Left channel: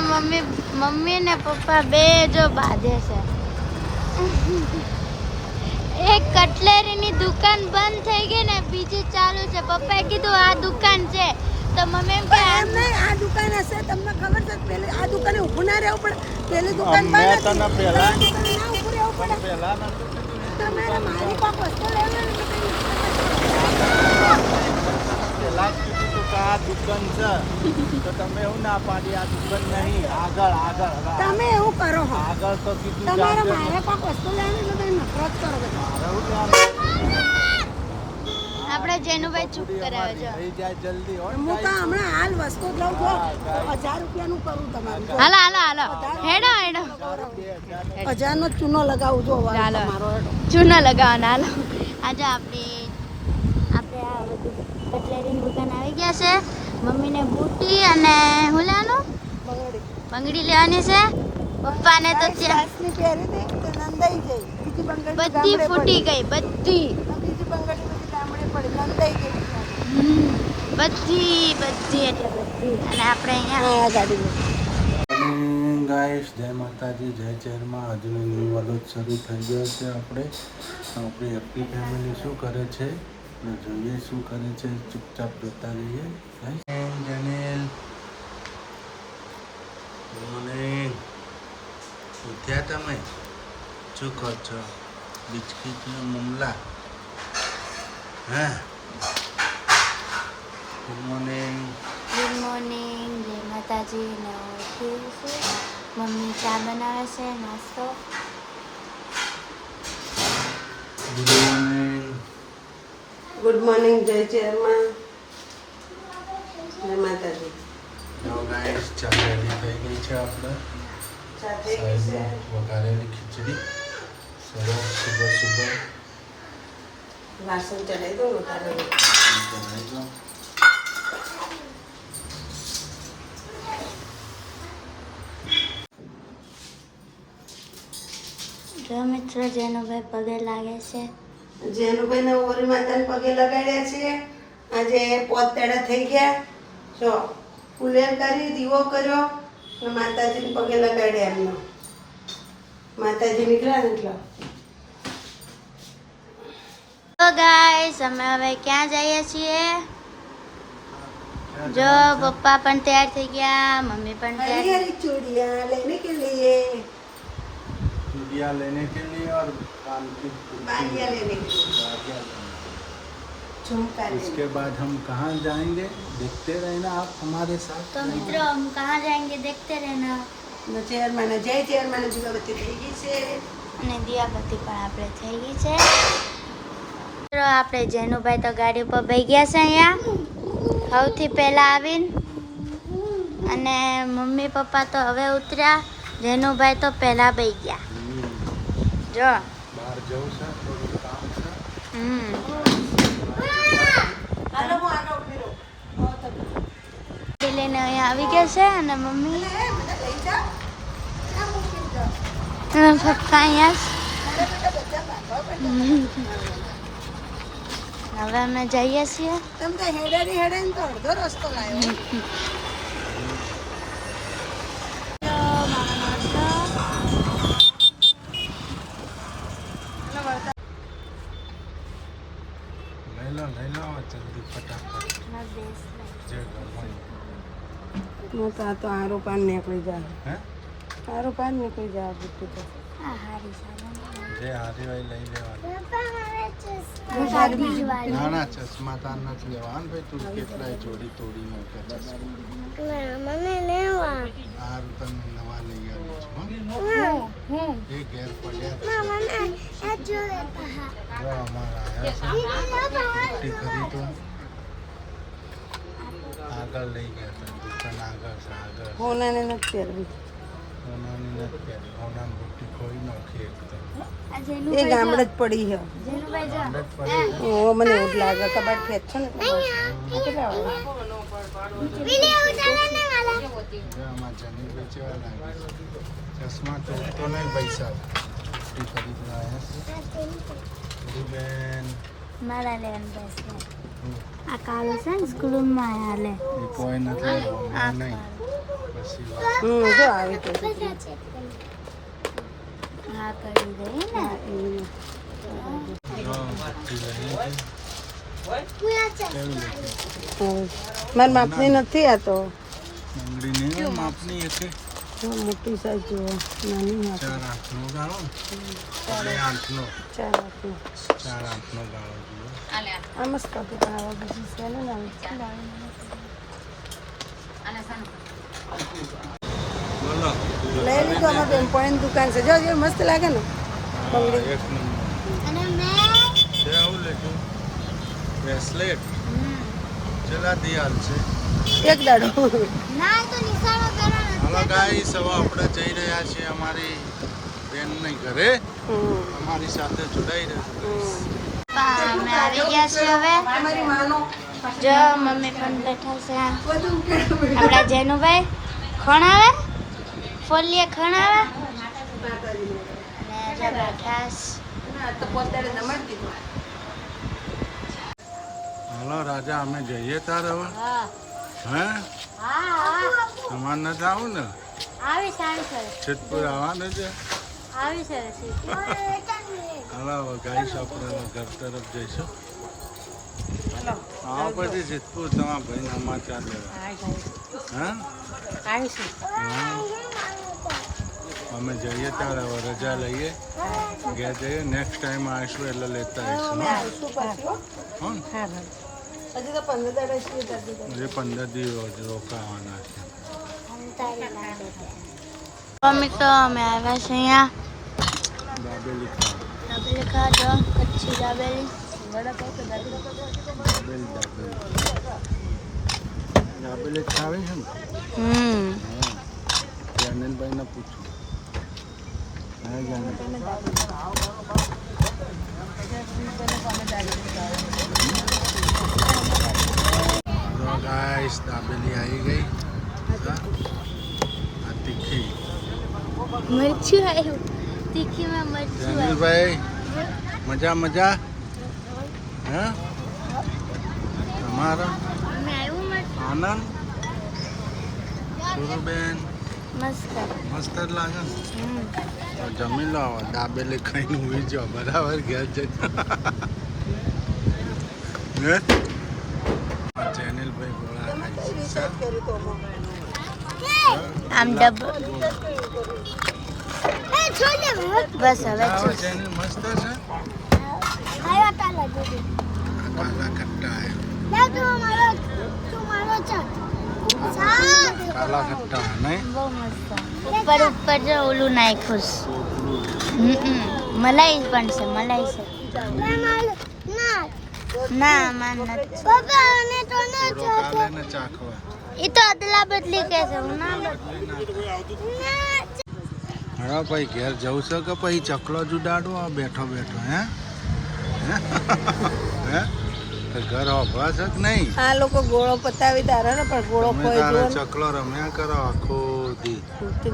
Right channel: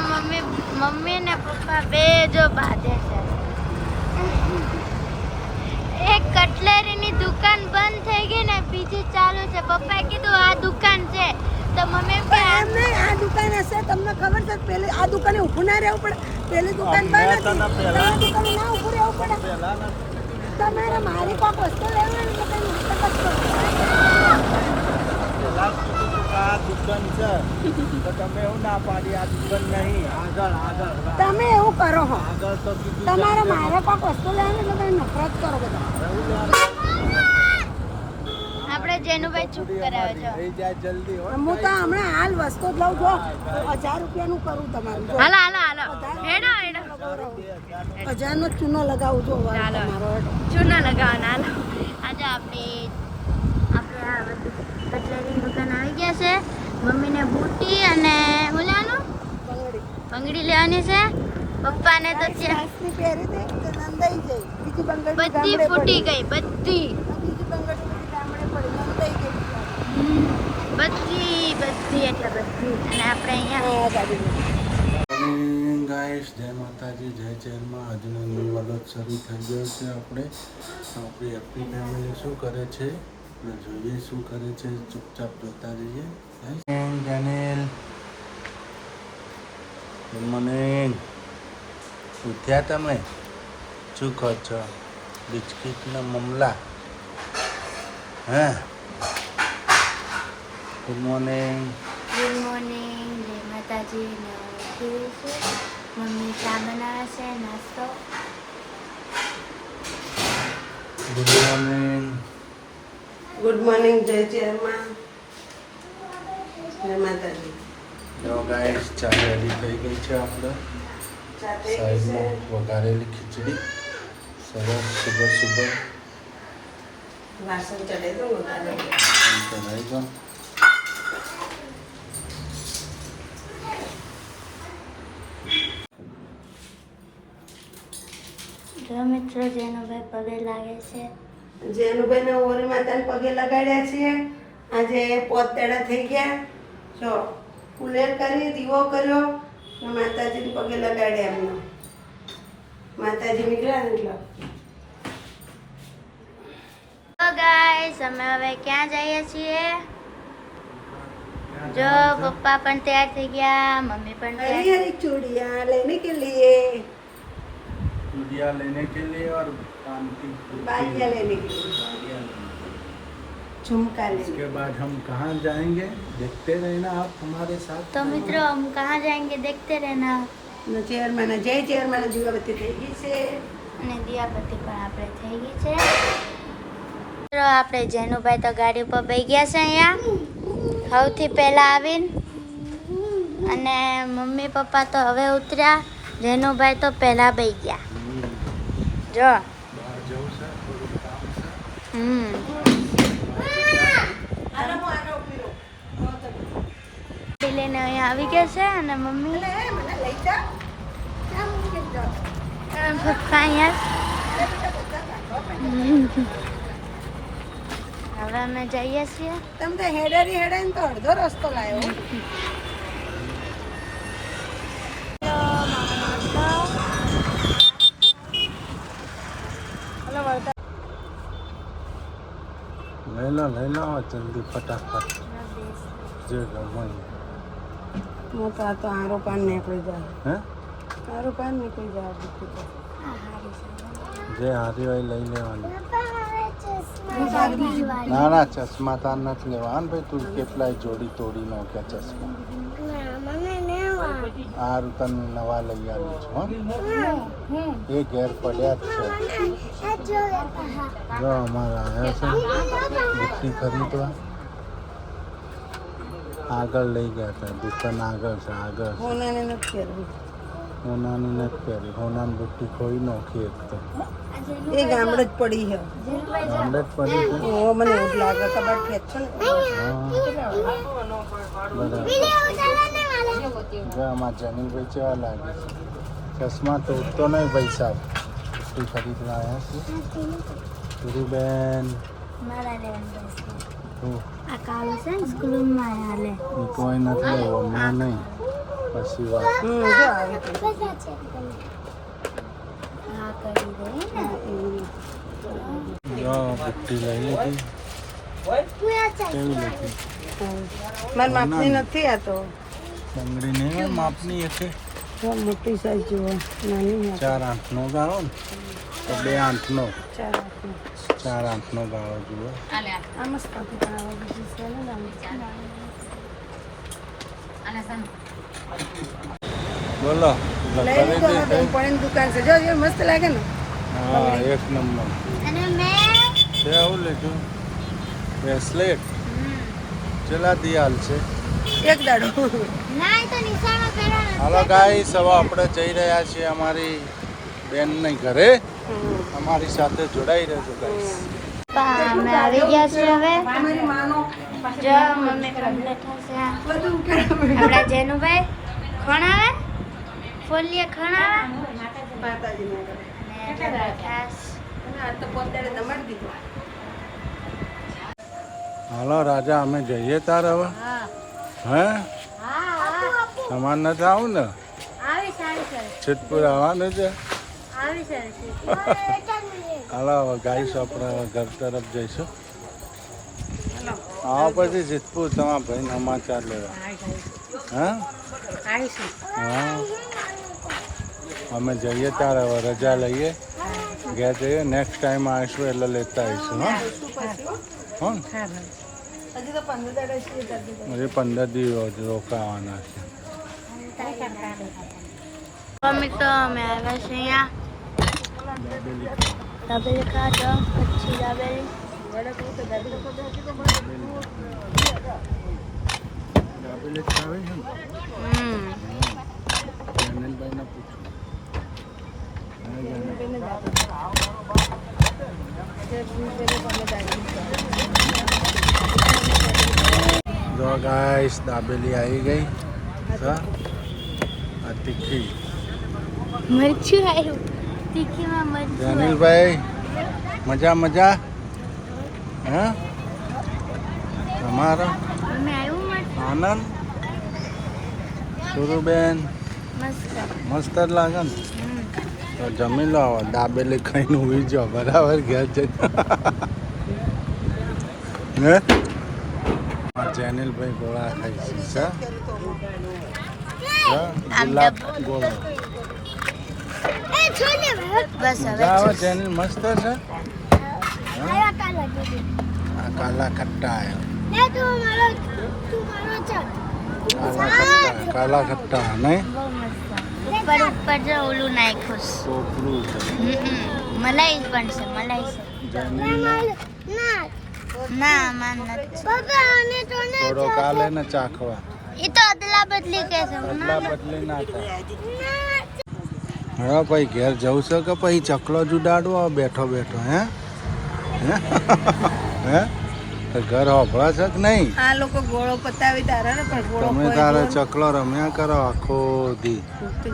Mummy ને પપ્પા બે જો બાંધે છે. એક કટલેરીની દુકાન બંધ થઈ ગઈ ને બીજી ચાલુ છે. પપ્પાએ કીધું આ દુકાન છે તો મમ્મી એમ કે એમ નહીં, આ દુકાન હશે તમને ખબર છે. પેલી આ દુકાને ઊભું ના રહેવું પડે. પેલી દુકાન બંધ હતી તો આ દુકાને ના ઊભું રહેવું પડે. તમારે મારી કોઈક વસ્તુ લેવી હોય ને તો કઈ નાટક જ કરો. દુકાન છે તો તમે એવું ના પાડી આ દુકાન નહીં, આગળ આગળ તમે એવું કરો હો. આગળ તો કીધું તમારે મારે કોઈક વસ્તુ લેવી એટલે તમે નફરત કરો બધા. આપણે જેનુભાઈ ચૂપ કરાવે છે. થઈ જાય જલ્દી હો. હું તો હમણાં હાલ વસ્તુ જ લઉં છું. 1000 રૂપિયાનું કરું તમારું. હાલો હેડો 1000 નો ચૂનો લગાવું છો તમારો હેડો. ચૂનો લગાવવાનો. હાલો આજે આપણે આ બધું કટલેરીની દુકાન આવી ગયા છે. મમ્મીને બુટી અને હું લેવાનું બંગડી લેવાની છે. પપ્પાને તો સાસની પહેરી દે તો નંદાઈ જાય. બીજી બંગડી બધી ફૂટી ગઈ બધી બીજી બંગડી બધી ગામડે પડી નંદાઈ ગઈ. બધી એટલે બધી. અને આપણે અહીંયા ગાડી ગાઈસ જય માતાજી જય ચેરમાં. આજનો ન્યૂ વ્લોગ શરૂ થઈ ગયો છે. આપણી હેપી ફેમિલી શું કરે છે ને જોઈએ શું કરે છે. ચૂપચાપ જોતા રહીએ. જેનેલ ગુડ મોર્નિંગ. ઉઠ્યા તમે? શું કહો છો? બિસ્કિટના મમલા હે? Good morning. જય માતાજી. મમ્મી ચા બનાવે છે નાસ્તો. Good morning. ગુડ મોર્નિંગ જય ચેરમાં. જય માતાજી. જો ગાઈસ ચા રેડી થઈ ગઈ છે. આપણે સાઈડમાં વઘારેલી ખીચડી સરસ. સુબહ વાસણ ચડાવી દો. ચડાવી દો. જો મિત્રો જેનુભાઈ પગે લાગે છે. જેનુભાઈને ઓરી માતાને પગે લગાડ્યા છે. આજે પોતેડા થઈ ગયા. જો ફૂલેર કરી દીવો કર્યો અને માતાજીને પગે લગાડ્યા. આપણે માતાજી નીકળ્યા નીકળ્યા. તો ગાઈસ અમે હવે ક્યાં જઈએ છીએ? જો પપ્પા પણ તૈયાર થઈ ગયા, મમ્મી પણ તૈયાર. हरी हरी चूड़ियाँ लेने के लिए, चूड़ियाँ लेने के लिए और कान की बालियाँ लेने के लिए, झुमका लेने उसके बाद हम कहाँ जाएंगे देखते रहना आप हमारे साथ. तो मित्रों हम कहाँ जाएंगे देखते रहना. चेयरमैन जय चेयरमैन દીવાબત્તી થઈ ગઈ છે અને દિયાબત્તી પણ આપણે થઈ ગઈ છે. મિત્રો આપણે જેનુભાઈ તો ગાડી ઉપર બેસી ગયા છે અહીંયા સૌથી પહેલા આવીને. અને મમ્મી પપ્પા તો હવે ઉતર્યા. જેનુભાઈ તો પહેલા બેસી ગયા. જો બહાર જવું છે થોડું કામ છે. લઈને અહીંયા આવી ગયા છે. અને મમ્મી મને લઈ જા ક્યાં મૂકી જાવ પપ્પા અહીંયા હવે અમે જઈએ છીએ. તમે તો હેડાની તો અડધો રસ્તો લાવ્યો. લઈ લો જલ્દી ફટાફટ જે ગમે. હું તો આરો પાન નીકળી જાય. હે આરો પાન નીકળી જાય બુટ્ટી તો. જે હારી હોય લઈ લેવાનું. બીજી ના ના ચશ્મા તાર નથી લેવા ને ભાઈ. તું કેટલાય જોડી તોડી નાખ્યા ચશ્મા. હારું તને નવા લઈ આવી છું. એ ઘેર પડ્યા જ છે. જો અમારા આવ્યા છે બુટ્ટી ખરીદવા. આગળ લઈ ગયા હતા દુકાન આગળ છે. આગળ હોનાને નથી પહેરવી. હોનાની નથી પહેરી. હોનાની બુટ્ટી ખોઈ નાખી એક તો. એ ગામડે જ પડી છે. ગામડે જ પડી છે. ઓ મને એવું જ લાગે કબાટ ખેંચ છે ને. જો આમાં જનીલભાઈ કેવા લાગે છે. ચશ્મા તોડતો નહીં ભાઈ સાહેબ. બુટ્ટી ખરીદ લાવ્યા છે. બેન મારા લેવાનું આ કાળું છે ને સ્કૂલમાં હાલે. કોઈ નથી લેવો. મેં નહીં પછી વાત જો આવે તો હા કરી દે ને જો બુટ્ટી લઈ લીધી કેવી લીધી મારી માપની નથી આ તો બંગડી નહીં હોય માપની એક મોટી સાઈઝ જુઓ નાની 4 8નો ગાળો ને તો 2 8નો 4 આપી 4 8નો ગાળો જુઓ આ મસ્ત હતી પણ હવે બીજી છે ને બોલો લઈ લીધો અમે બેનપણીની દુકાન છે જો મસ્ત લાગે ને હા એક નંબર અને મેં છે આવું લીધું બ્રેસલેટ ચલા દિયાલ છે એક દાડો ના તો નિશાળો કર્યો ને હાલો ગાઈસ હવે આપણે જઈ રહ્યા છીએ અમારી બેનને ઘરે અમારી સાથે જોડાઈ રહેજો ગાઈસ અમે આવી ગયા છીએ હવે મારી માનો જો મમ્મી પણ બેઠા છે આપણા જેનુભાઈ ખણાવે ફોલીએ ખણાવે અને જો બેઠા હાલો રાજા અમે જઈએ તાર હવે હે અમાર નથી આવું ને સિદ્ધપુર આવવાનું છે હાલો હવે ગાઈસ આપણે હવે ઘર તરફ જઈશું આવો પછી સિદ્ધપુર તમારા ભાઈને સમાચાર લેવા હા હા અમે જઈએ ત્યારે હવે રજા લઈએ ઘેર જઈએ નેક્સ્ટ ટાઈમ આવીશું એટલે લેતા આવીશું હા હો ને હજી તો 15 દાડા છે હજી 15 દિવસ રોકાવાના છે મમ્મી તો અમે આવ્યા છે અહીંયા દાબેલી ખાવા દાબેલી ખાધો પછી દાબેલી દાબેલી ખાવી છે ને હમ હા જનનભાઈને પૂછું હા જો ગાઈસ દાબેલી આવી ગઈ હા આ તીખી મરચું આવ્યું તીખીમાં મરચું જનીલભાઈ મજા મજા હે તમારો અમે આવ્યું આનંદ સુરુબેન મસ્ત મસ્ત જ લાગે ને તો જમી લો હવે દાબેલી ખાઈને ઉઈ જાઓ બરાબર ઘેર જઈને હે જેનિલભાઈ ગોળા ખાઈ છે સર ગોળા બસ મજા આવે જેનિલ મસ્ત છે હવે આ કાલા ખટ્ટા આવ્યો કાલા ખટ્ટા નહીં બહુ મસ્ત ઉપર ઉપર જો ઓલું નાખ્યું છે ટોપરું છે મલાઈ પણ છે મલાઈ છે જેનિલ ના માન નથી થોડો કાલે ને ચાખવા એ તો અદલા બદલી કે છે બદલા બદલી ના થાય હા ભાઈ ઘેર જવું છે કે પછી ચકલો જ ઉડાડવો બેઠો બેઠો હે હે તો ઘર હોભળા છે કે નહીં આ લોકો ગોળો પતાવી તારે ને પણ ગોળો તમે તારે ચકલો રમ્યા કરો આખો દી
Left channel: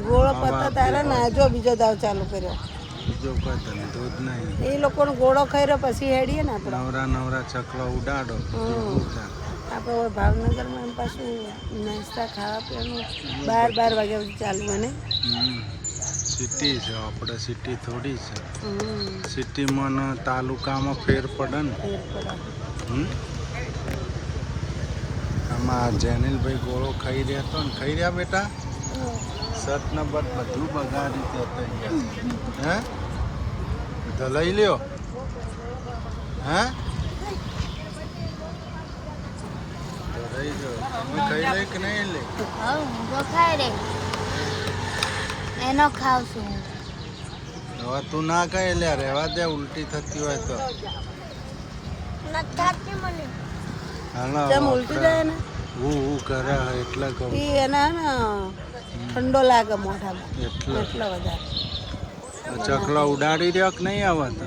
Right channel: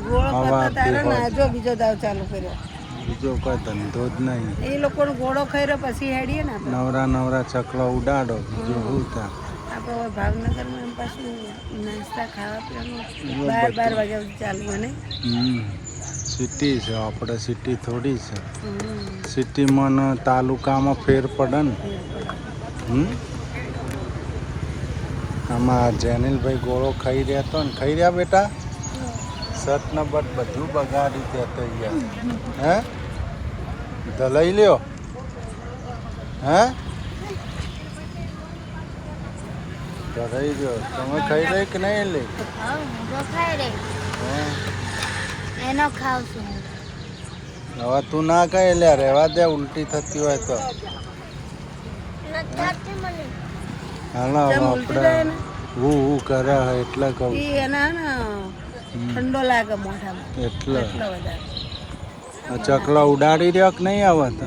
ગોળો પતા તારે ને જો બીજો દાવ ચાલુ કર્યો બીજો કોઈ ધંધો જ નહીં એ લોકોનો ગોળો ખાઈ રહ્યો પછી હેડીએ ને આપણે નવરા નવરા ચકલો ઉડાડો બીજું શું થાય આપણે ભાવનગરમાં એમ પાછું નાસ્તા ખાવા પીવાનું 12 વાગ્યા સુધી ચાલુ મને સિટી છે આપણે સિટી થોડી છે સિટીમાં ને તાલુકામાં ફેર પડે ને આમાં જેનિલભાઈ ગોળો ખાઈ રહ્યા તો ને ખાઈ રહ્યા બેટા સત ને બટ બધું બગાડી દેતા ગયા હે તો લઈ લ્યો હે તો રહી ગયો તમે ખાઈ રહી કે નહીં લઈ જો ખાઈ રે એનો ખાવ છું હવે તું ના ખાઈ લે રહેવા દે ઉલટી થતી હોય તો હાલો આપણે હું કરે એટલે કહું એ એના ને ઠંડો લાગે મોઢામાં એટલે એટલા વધારે ચકલો ઉડાડી રહ્યો કે નહીં આવે તો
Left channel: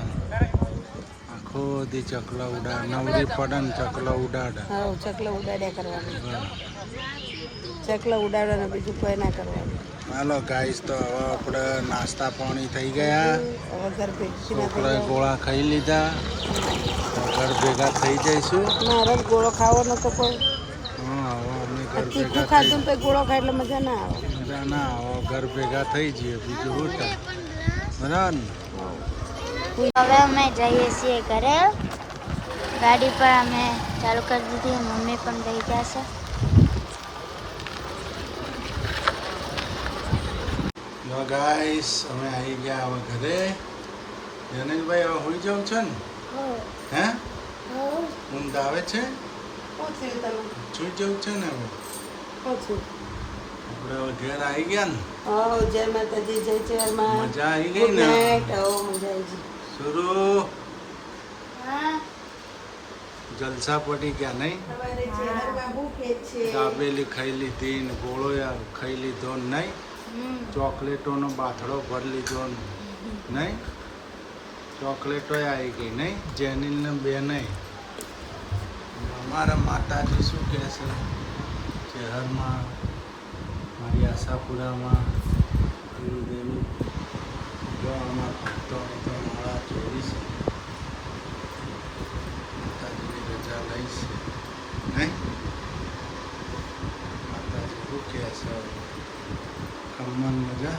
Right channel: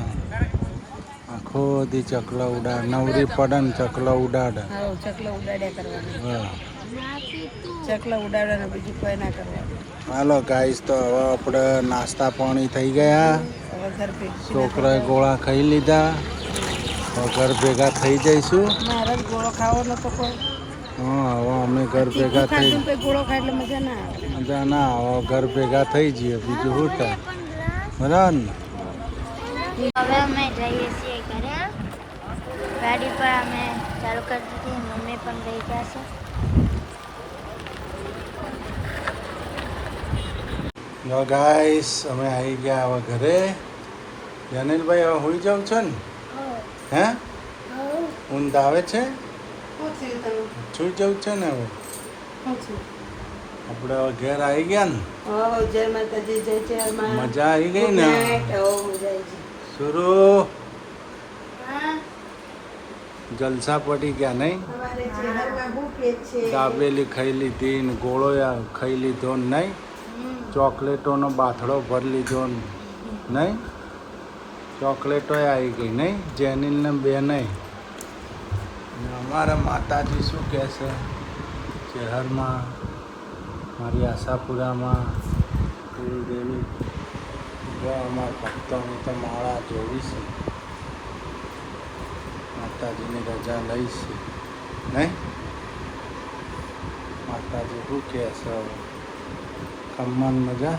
આખો દી ચકલો ઉડાડ નવરી પડે ને ચકલો ઉડાડે હા ચકલા ઉડાડ્યા કરવાનું હા ચકલા ઉડાડવાના બીજું કોઈ ના કરવાનું હાલો ગાઈસ તો હવે આપણે નાસ્તા પાણી થઈ ગયા હવે ઘર ભેગી છોકરાએ ગોળા ખાઈ લીધા હવે ઘર ભેગા થઈ જઈશું મારે જ ગોળો ખાવો નતો કોઈ હા હવે અમે ઘર ભેગા થઈ ગોળો ખાય એટલે મજા ના આવે. મજા ના હવે ઘર ભેગા થઈ જઈએ બીજું શું થાય બરાબર ને. હવે અમે જઈએ છીએ ઘરે. ગાડી પર અમે ચાલુ કરી દીધી, મમ્મી પણ બેસી ગયા છે. જો ગાઈસ અમે આવી ગયા હવે ઘરે. જનીલભાઈ હવે હોઈ જાવ છે ને? હે ઊંઘ આવે છે? સુઈ જવું છે ને હવે? આપણે હવે ઘેર આવી ગયા ને? જય માતાજી, જય ચેરમાં. મજા આવી ગઈ ને? સુરુ જલસા પડી ગયા નહીં? દાબેલી ખાઈ લીધી ને ગોળો ખાઈ લીધો ને નહીં? ચોકલેટોનો બાથડો ભરી લીધો ને નહીં? ચોકલેટો આવી ગઈ નહીં? જેનિલ ને બે નહીં. અમારા માતાજી શું કહે છે? શહેરમાં મારી આશાપુરામાં દેવી જો અમારા ભક્તોની તો માળા જોઈ છે. માતાજીની રજા લઈ છે નહીં? માતાજી શું કહે છે હવે? ખમ્મન મજા.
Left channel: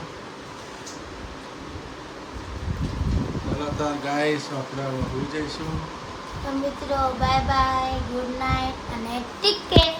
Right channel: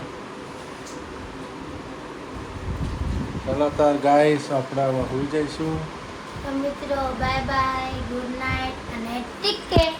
ચલો તાર ગાઈસ આપણે હવે હોઈ જઈશું. તો મિત્રો બાય બાય, ગુડ નાઇટ અને ટેક કેર.